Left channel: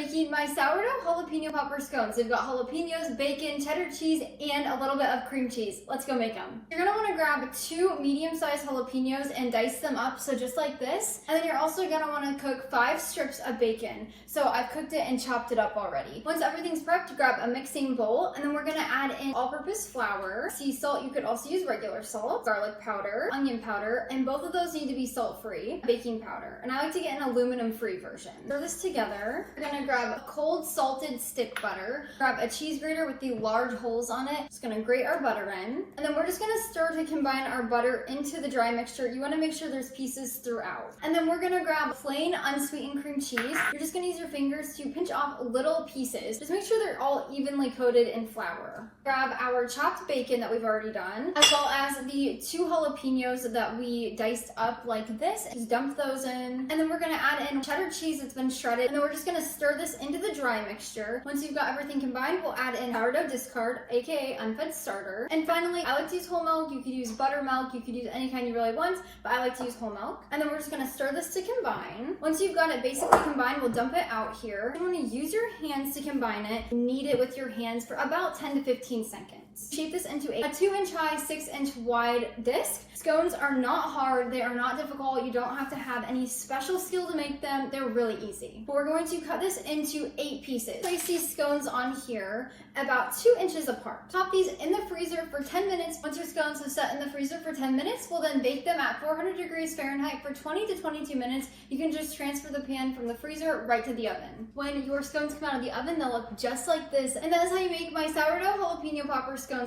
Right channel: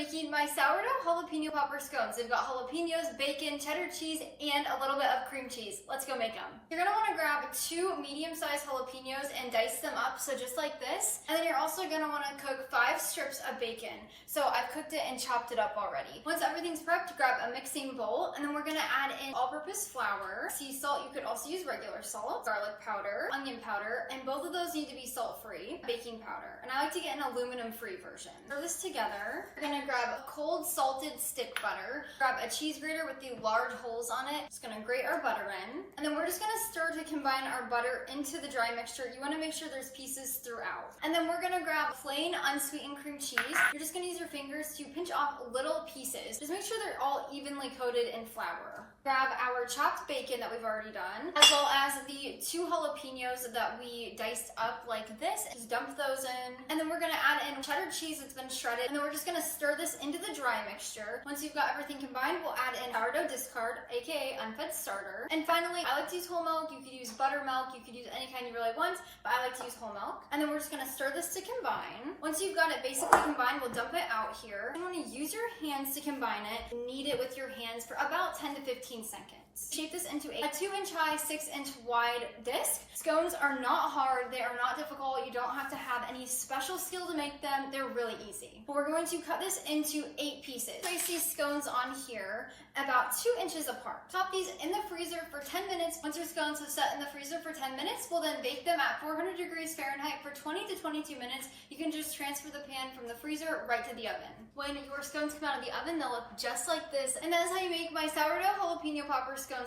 making my sourdough jalapeno popper scones. They've got jalapenos, bacon, cheddar cheese, and a little bit of cream cheese. Let's go make them. You're gonna wanna grab 2 medium-sized jalapenos and dice them up, so just like this. And then you're also gonna wanna cook 5 strips of bacon. So I've cooked it and chopped it up already. Once everything's prepped, grab a mixing bowl, and then we're gonna add in all-purpose flour, sea salt, you could also use regular salt, garlic powder, onion powder, and both of those need to be salt-free, baking powder. And I like to get an aluminum-free version. Stir this together. We're gonna grab cold salted stick butter, grab a cheese grater with the large holes on it. Just gonna grate our butter in, and then we're just gonna stir to combine our butter into the dry mixture. You wanna make sure there's pieces throughout. And then we're gonna grab plain unsweetened cream cheese. You're just gonna use your fingers to pinch off little pieces. Just make sure they're all evenly coated in flour. Grab our chopped bacon that we've already done, as well as the 2 jalapenos that we diced up like this. Just dump those in, and then we're gonna add in cheddar cheese that's been shredded, and then we're just gonna stir this into the dry mixture. Once you've got everything combined, we'll add in sourdough discard, aka unfed starter. And finally, I like to use whole milk. You could use buttermilk, you could use any kind you really want, but I like to use whole milk. And then we're just gonna stir this to combine. Once you've got it basically combined, we'll dump it out here. You wanna use your hands to combine it. Knead it with your hands for about 10 to 15 seconds. Shape this into a 2-inch high, 6-inch wide disc. Scones are not hard, they are not difficult. You don't have to have any special skill to make them. They're really easy. But we're going to cut this into 8 pieces. Place these scones on here about 2 inches apart. Pop these in the freezer for 10 minutes. Once your scones have set in the freezer for 10 minutes, we'll then bake them at 400 degrees Fahrenheit for 20 to 22 minutes. You can just transfer the pan from the freezer right to the oven. When your scones come out of the oven, they'll look just like this. And that is how you make my sourdough jalapeno popper scones.